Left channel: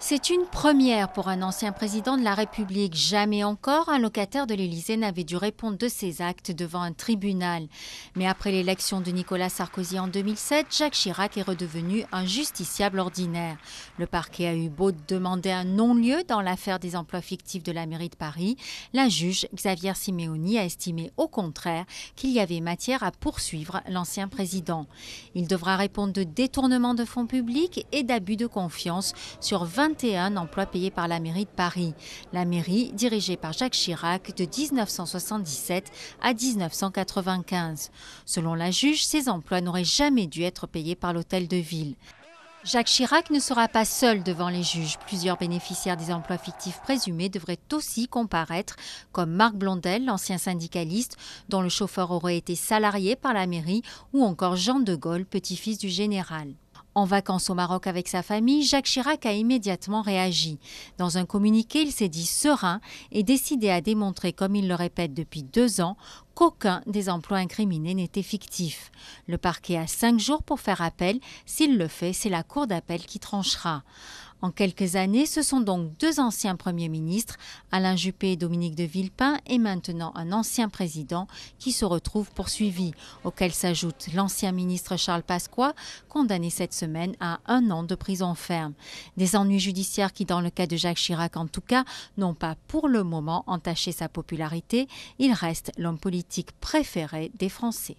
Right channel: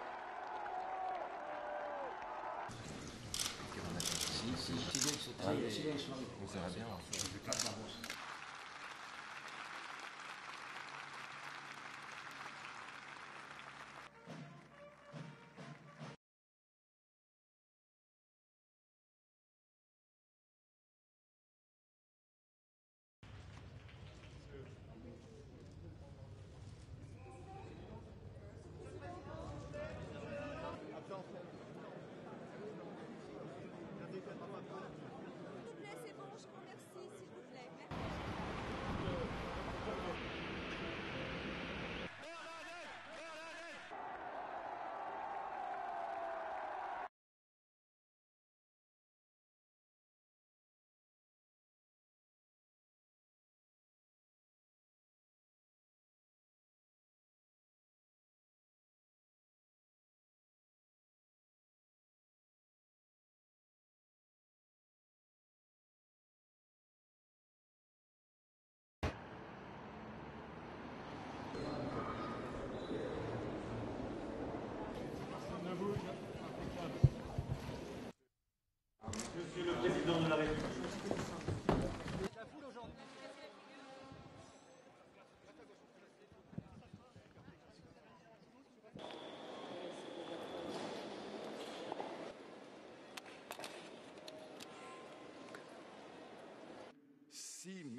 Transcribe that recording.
C'est une première pour un ancien président de la République. Jamais encore un locataire de l'Élysée n'avait dû répondre de ses actes devant un tribunal. Mais après l'élection de Nicolas Sarkozy en 2007, Jacques Chirac est redevenu un justiciable ordinaire. Le parquet a eu beau demander un non-lieu dans l'affaire des emplois fictifs de la mairie de Paris. La juge Xavière Simeoni a estimé au contraire qu'il y avait matière à poursuivre l'ancien président. Il devra répondre de détournement de fonds publics et d'abus de confiance sur 21 emplois payés par la mairie de Paris. La mairie dirigée par Jacques Chirac de 1977 à 1995. Selon la juge, ces emplois n'auraient jamais dû être payés par l'hôtel de ville. Jacques Chirac ne sera pas seul devant les juges. Plusieurs bénéficiaires des emplois fictifs présumés devraient aussi comparaître, comme Marc Blondel, l'ancien syndicaliste, dont le chauffeur aurait été salarié par la mairie, ou encore Jean de Gaulle, petit-fils du général. En vacances au Maroc avec sa famille, Jacques Chirac a immédiatement réagi. Dans un communiqué, il s'est dit serein et décidé à démontrer, comme il le répète depuis 2 ans, qu'aucun des emplois incriminés n'était fictif. Le parquet a 5 jours pour faire appel. S'il le fait, c'est la cour d'appel qui tranchera. En quelques années, ce sont donc 2 anciens premiers ministres, Alain Juppé et Dominique de Villepin, et maintenant un ancien président qui se retrouve poursuivi, auquel s'ajoute l'ancien ministre Charles Pasqua, condamné cette semaine à 1 an de prison ferme. Des ennuis judiciaires qui, dans le cas de Jacques Chirac en tout cas, n'ont pas pour le moment entaché sa popularité. Il reste l'homme politique préféré des Français.